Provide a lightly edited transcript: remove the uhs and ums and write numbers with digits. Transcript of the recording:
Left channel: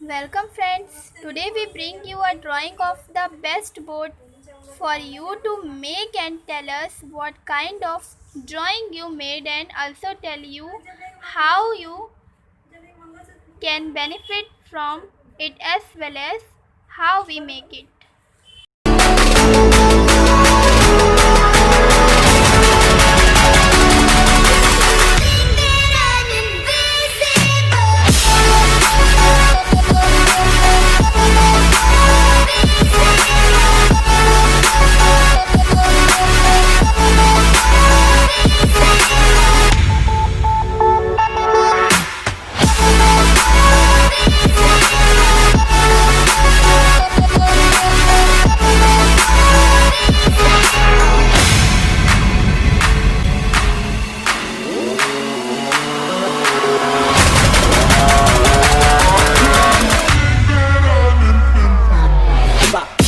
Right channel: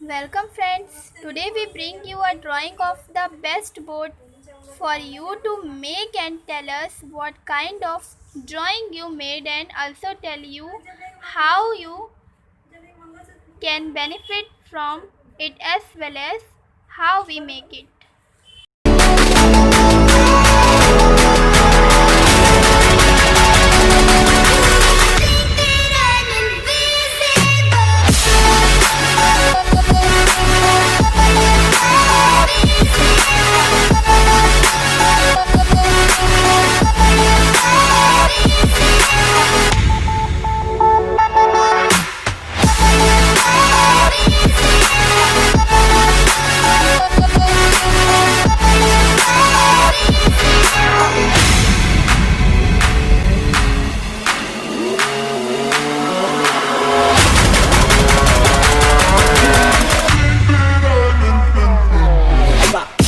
Welcome friends, today we bring you a drawing of the best board for you to make and tell us what kind of drawing you made and also tell you how you can benefit from it as well as how we make it. Bak.